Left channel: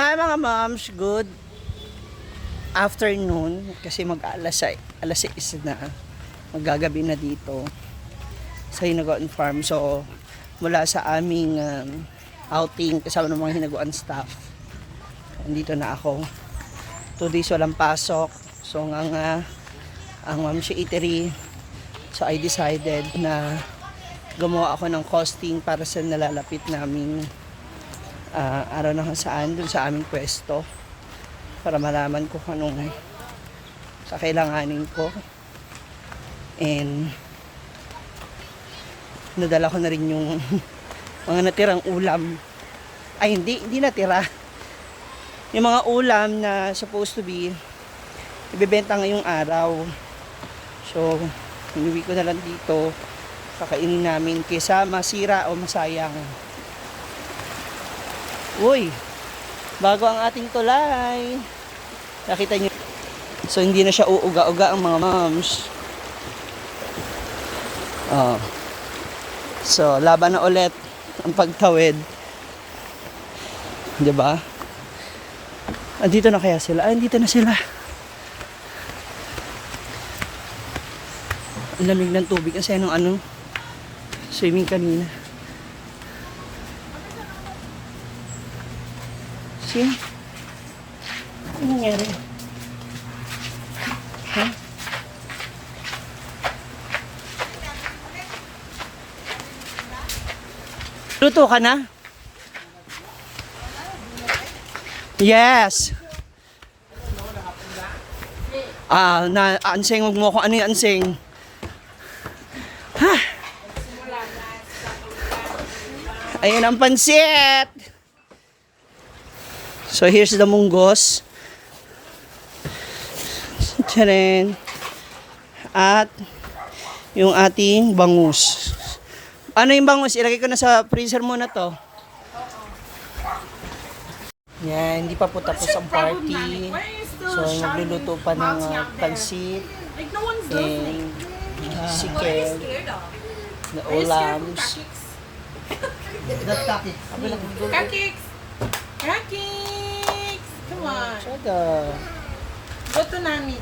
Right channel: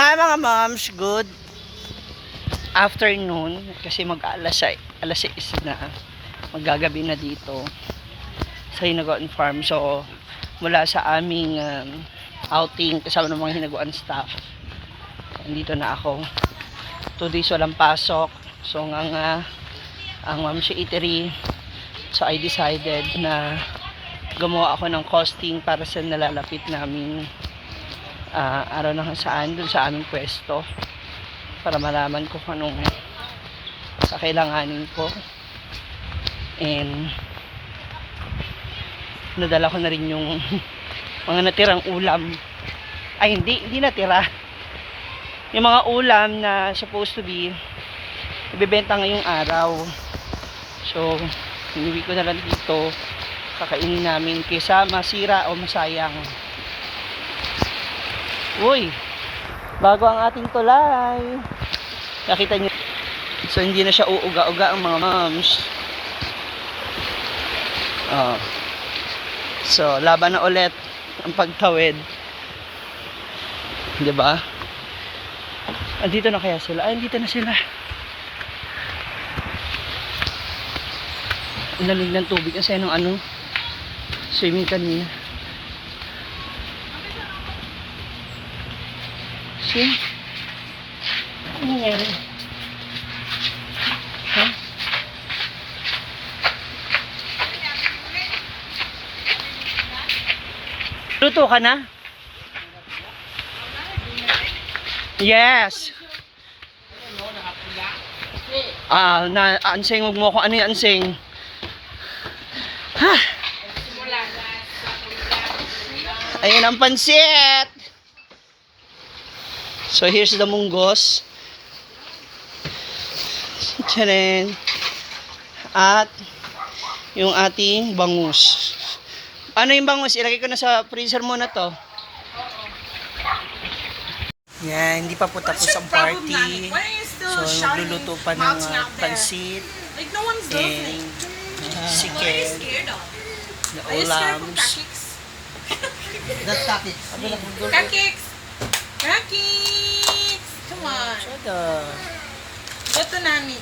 Hi mga moms, good afternoon kasi alas 6 na, maggagabi na dito sa Hinaguan Farm. So mula sa aming outing kasama ng mga Hinaguan staff, andito na ako. 2 days walang pasok, so ang Mom's Eatery, so I decided na gumawa ako ng costing para sa nalalapit namin araw na saan dun sa aming pwesto, para malaman ko kung anong kakailanganin ko. And nadala ko na rin yung mga natirang ulam. Ay, hindi natira. Yung mga ulam na supposed to be ibebenta ngayong araw. So, iniwi ko na lang dito. Kakainin namin kaysa masira o masayang. Uy, bago ang ating tulay. Nakita niyo. So, hindi na siya uuga-uga ang mga moms. So, laban na ulit ang pagtawid. Diba? Andito na kaya sila? Ay, andito na sila. Ang lamig ng tubig kasi anong swimming kanina. See? Ano nangyari? Ha? Luto ka na? Yes. Anseng, huwag mo ako ano yung anseng. Ha? Ayun ang pansit. So here's the munggos. Tcharan. At yung ating bangus. Ano yung bangus? Ilagay ko na sa freezer muna to. Yan, hindi pa po tapos ang party. So magluluto pa ng pansit and chicken, the ulams. That's cupcakes. Cupcakes! Cupcakes! Come on. Chada. Ito nani.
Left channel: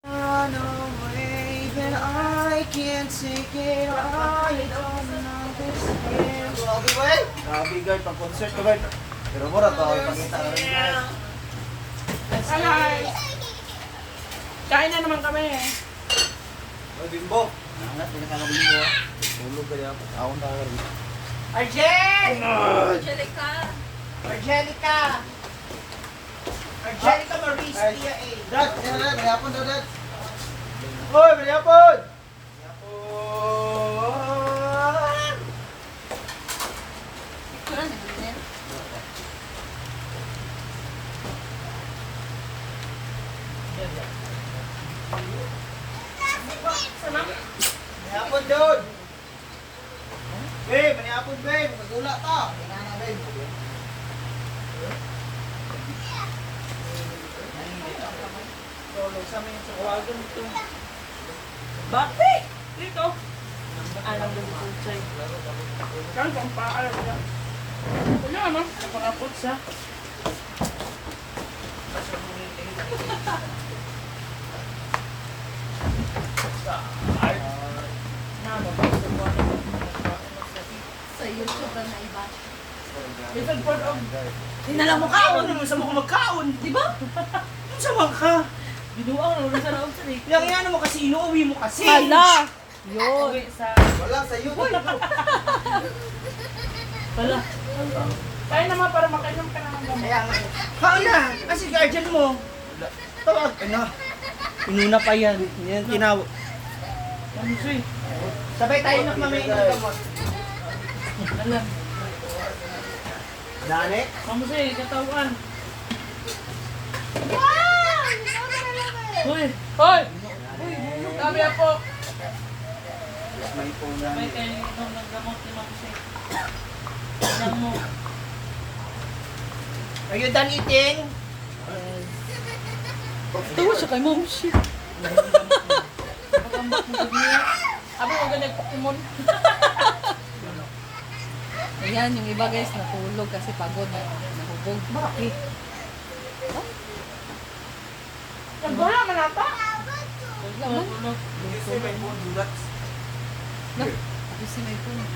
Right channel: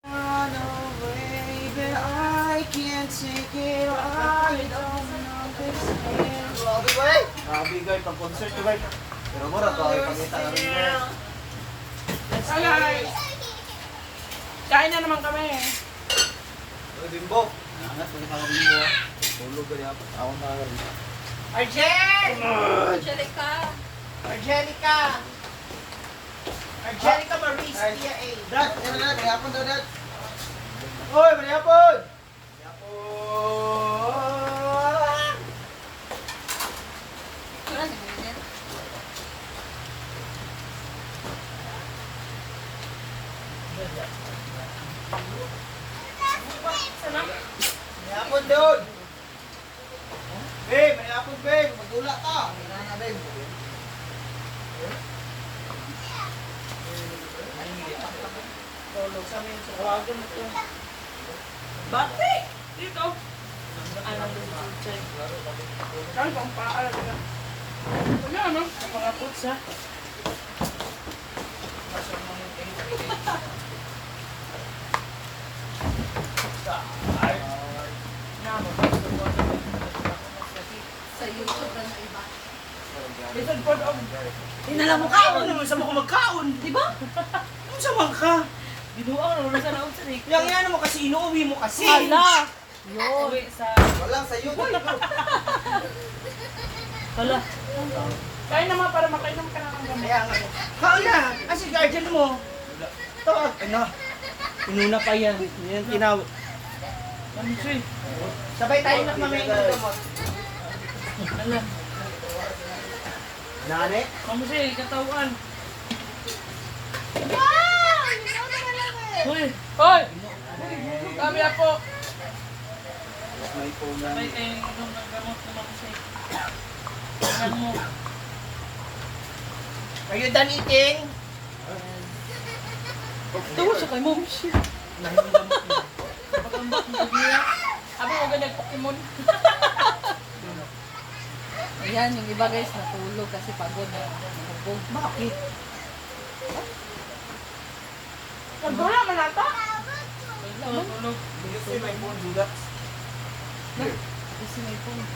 Run away, but I can't take it. I don't understand. Grabe guys, pang concert guys. Pero mura to, ipakita ko rin guys. Alay! Kain na naman kami. Oy, Bimbo. Angat, pinakakabimbo. Tulog ka niya. Ako na ako rin. Arjen! Angelica. Angelica! Angelica Maurice Tia A. Dad, kaya na, mayapon daw dad. Oy, mayapon! Mayapon doon! Babe, mayapon babe! Magula ka! Kailangan babe. Tulog sa amin sa kawagan ito. Bakit? Dito. Alam na si Chuchay. Kaya pang paalam niya. Wala no? Napangapot sa. Sa YouTube lang na iba. Bisan po daw. Tinala mo kaon naman sa mga magkaon. Di ba? Ano sa mga ka? Binuang na sa raon sa rik. Yang yan mo kasi inuwi mo kasi. Hala! Uwi sa... Walang sa YouTube. Hala. Kain naman para makainom ka na ng gamot. Kaya nga. Kaon na. Kasi guardian mo. Tawag. Ano? Inuna pa yan. Yan tinawag. Kamusoy. Sabay tayo na mga ng gamot. Hala. Dane? Kamusoy, katawan. Hoy! Hoy! Sabi ako. May tunan. Sabay kayo inom ng gamot ni Ma'am Shay. Tingnan mo. Are you done eating? Tawa siya kay Ma'am Shay. Pag-ambak mo niya. Abi mo ganag Pokemon. Ayan, yung iba guys, natulog kasi pagod na nahubog. Bakit? Nagdula man ata? Tulog. Kasi may phone dulat. Kasi may phone.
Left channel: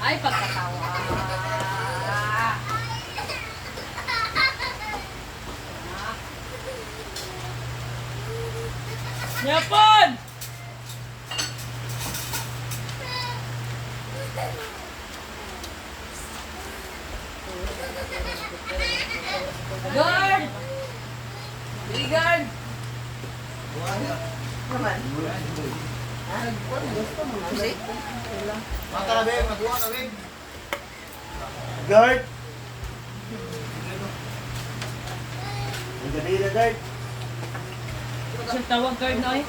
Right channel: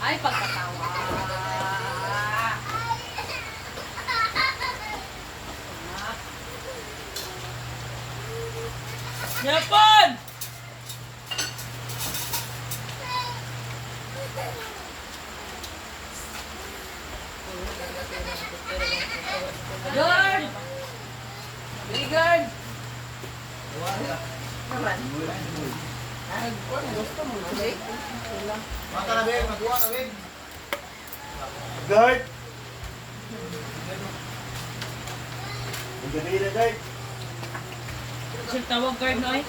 Ay, pagkatawa. Yapon! Guard! Bodyguard! Mata na, Beb. Buwa na, Beb. Guard. Nagdali na, guard. Sir, tawag guard na eh.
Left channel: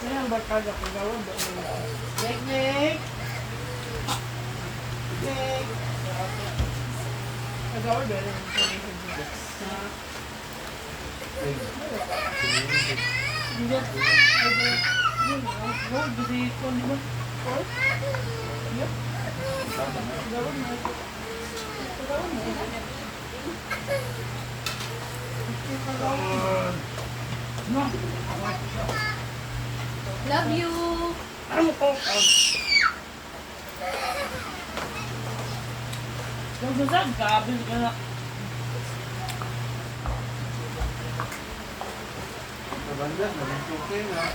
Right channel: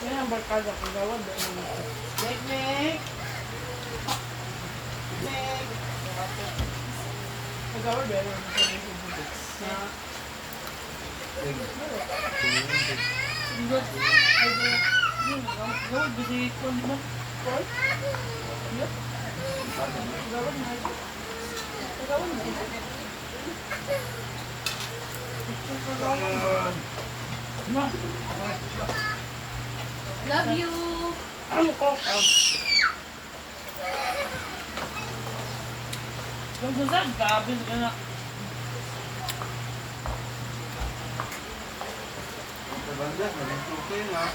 Kaya ang barkada kung gawad. Nick, Nick. Nick. Nagawad eh. Gawad ba si Kwan di man? Kwan? Yup. Gawad na. Gawad na. Love you! Ano ko? Yung sasad, kaabis ka na. Nabagdas, malintok ko yun, ha?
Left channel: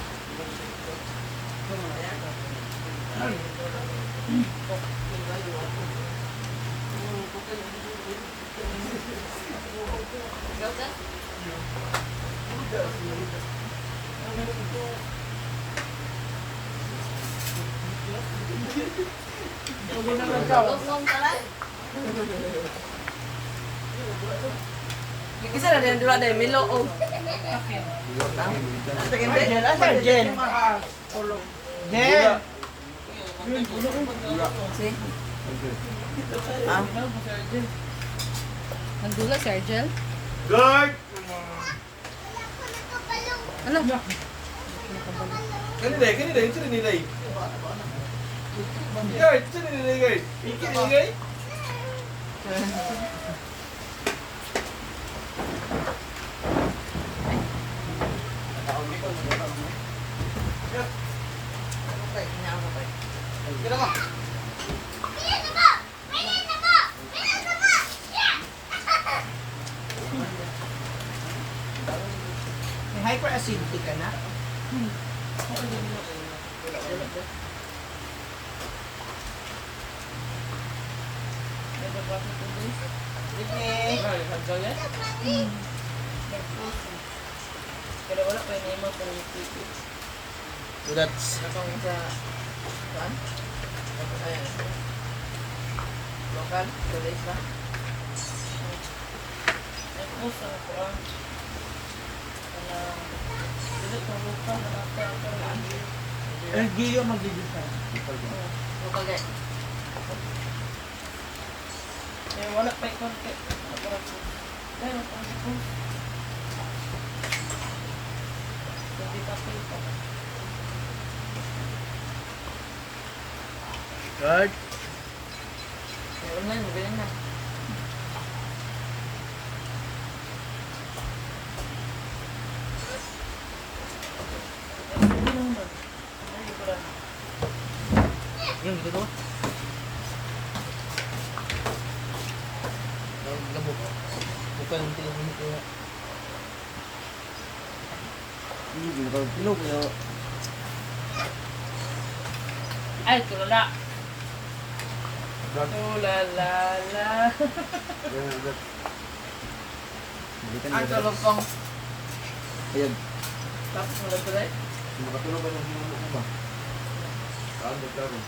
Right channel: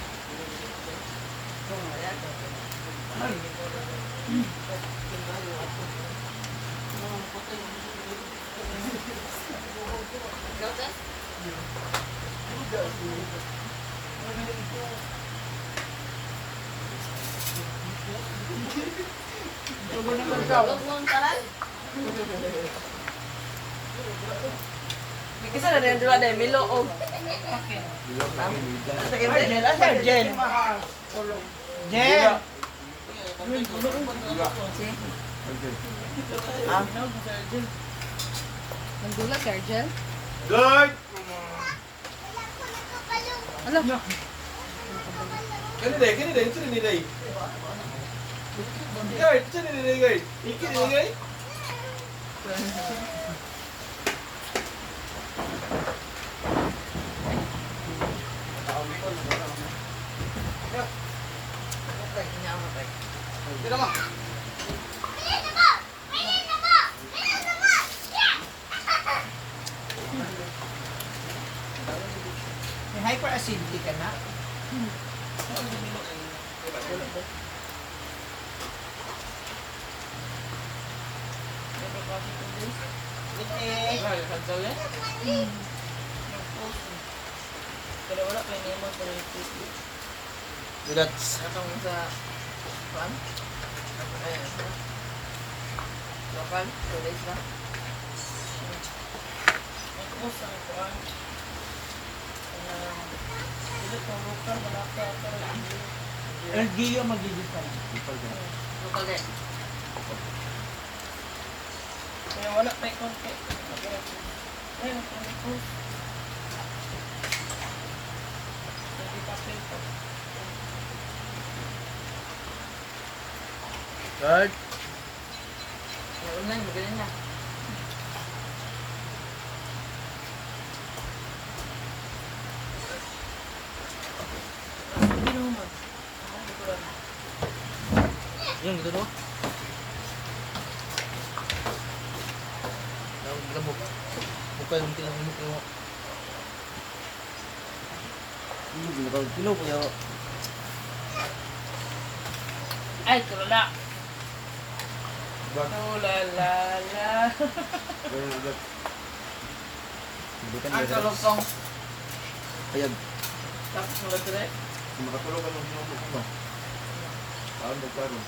Tugo na lang ka. Isa na din dua deh Milo og Argel, asa Argel? Argel! Nandula si Argel? Guard. Ano? Kanina, yung sino nila eh? Guard, sino nila, guard? Iki nila, guard? May hyperacidity ka na? Pero wala pa ini mo sa pipi. Dulas. Katong sa kuan. Ayan. Lokal, tulis ba? Nagpus ang kuan. Dili kung lokal na nata pero LGU magigifan. Lokal deh. kaya wala pa konti. Ayun, ang pus. Jadi papel po. Guard. Meron na, magaling na. Hindi naman. Hindi ko lang. Yan, dito. Labok. Bukan yung tilang ito. Kilo kayo. Ay, tulala. Guard. Tulalala. Ang kalupong. Ayan. Tapos mo lang tuloy. Makatulog ka ng sinulo ko ba? Saan nagkaroon?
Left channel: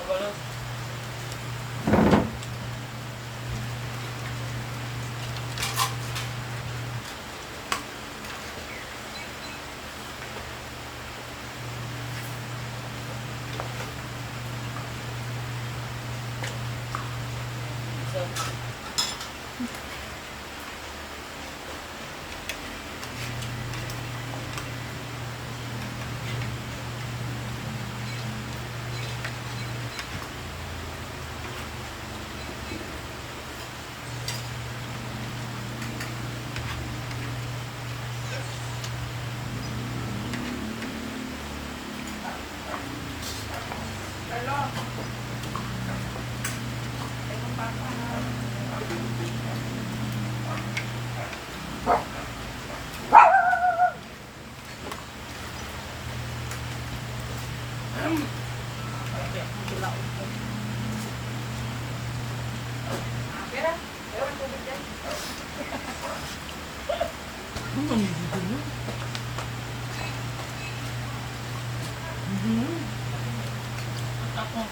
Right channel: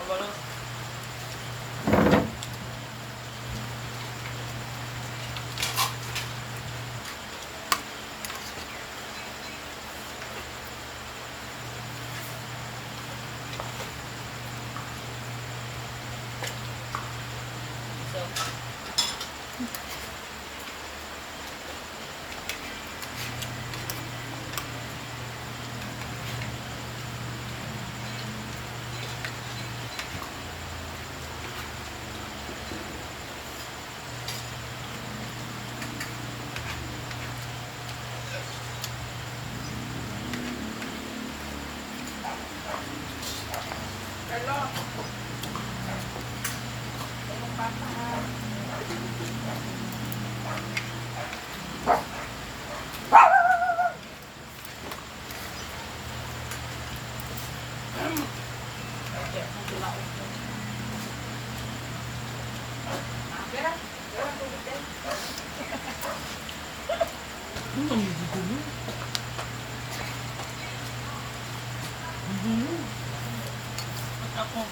Ang balo. So, Hello. Ako.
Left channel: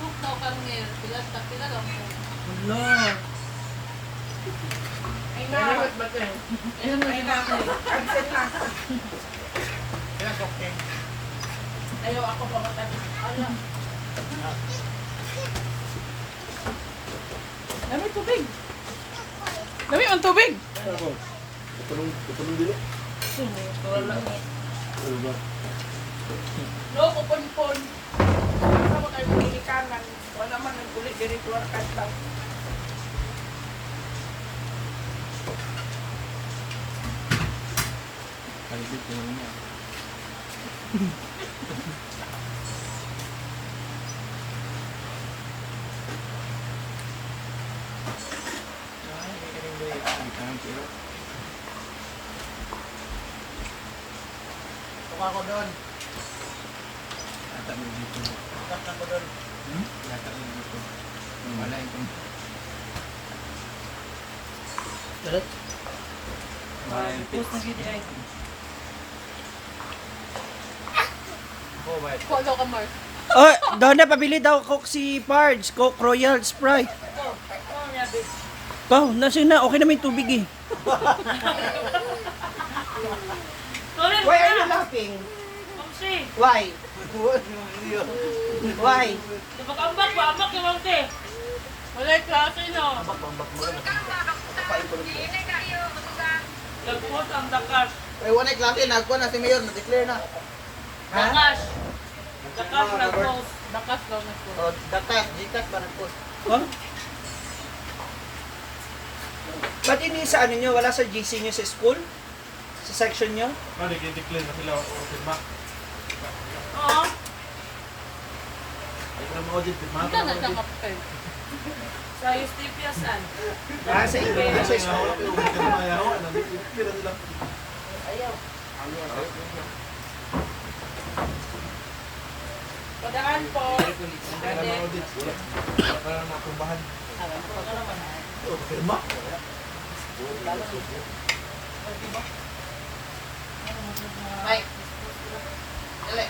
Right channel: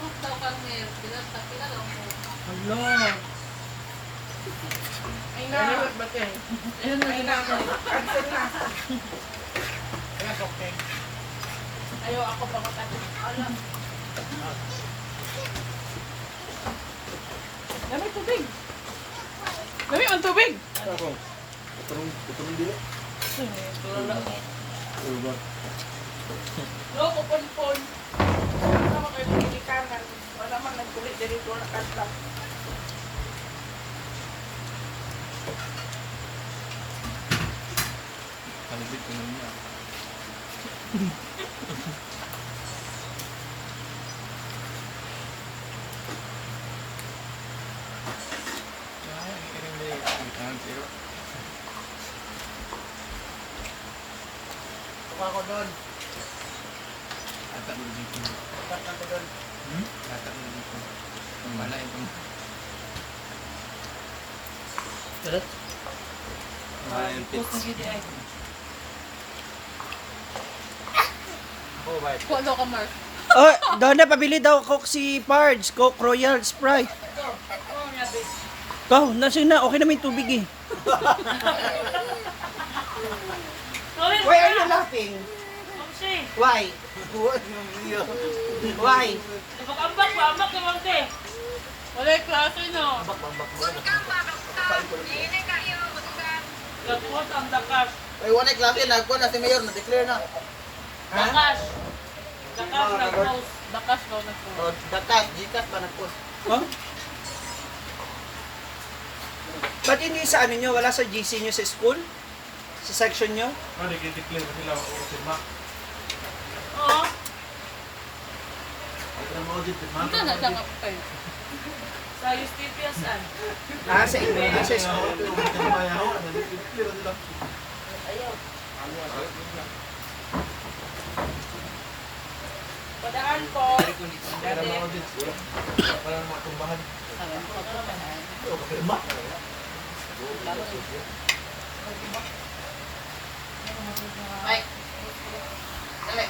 Kung daw kami, pila lang po. Wala. Ay na. Ay ba tayo? Ay na. Absent na. Yes, okay. Ayaw ako pa matapos. Alam. Dami tubig. Dami ang tubig. Ako. Putulong dili. Wala. Ulo. Loko pon. Sama kayo pinikanan. Wala man nagkulit diri tuwar kadlaw. Kalibit yun niya. Tuwa ko doon. Tuwa ko doon. Post na gidi ay. Follow ka, Mark. Oh, doon na pabili daw Coke si Pards. Coke Royal Sprite. Ikaw, nasa na. Okay naman yung tubig eh. Why are you laughing? Mamsi. Why? Why? Napakambak ba? Ambak yung mamsi. Wala yung klase no. Lagpot ang dakas. Ay, wala klase. Nagkuha na si Mayor. Na-declare na. Dakas. Dakas lagpot. Dakas daw na po. Dakas. Jikas ba nagpos? Huh? Ba't hindi sa ano nyo? Wala sa GC nyo sa school? Sa section nyo? Nag-declare na sila o firma. Oo. Ika na lang ako kayo. Sa Eustipius an. Ah, sa email, sa school. Padaan po. Bye. Dali.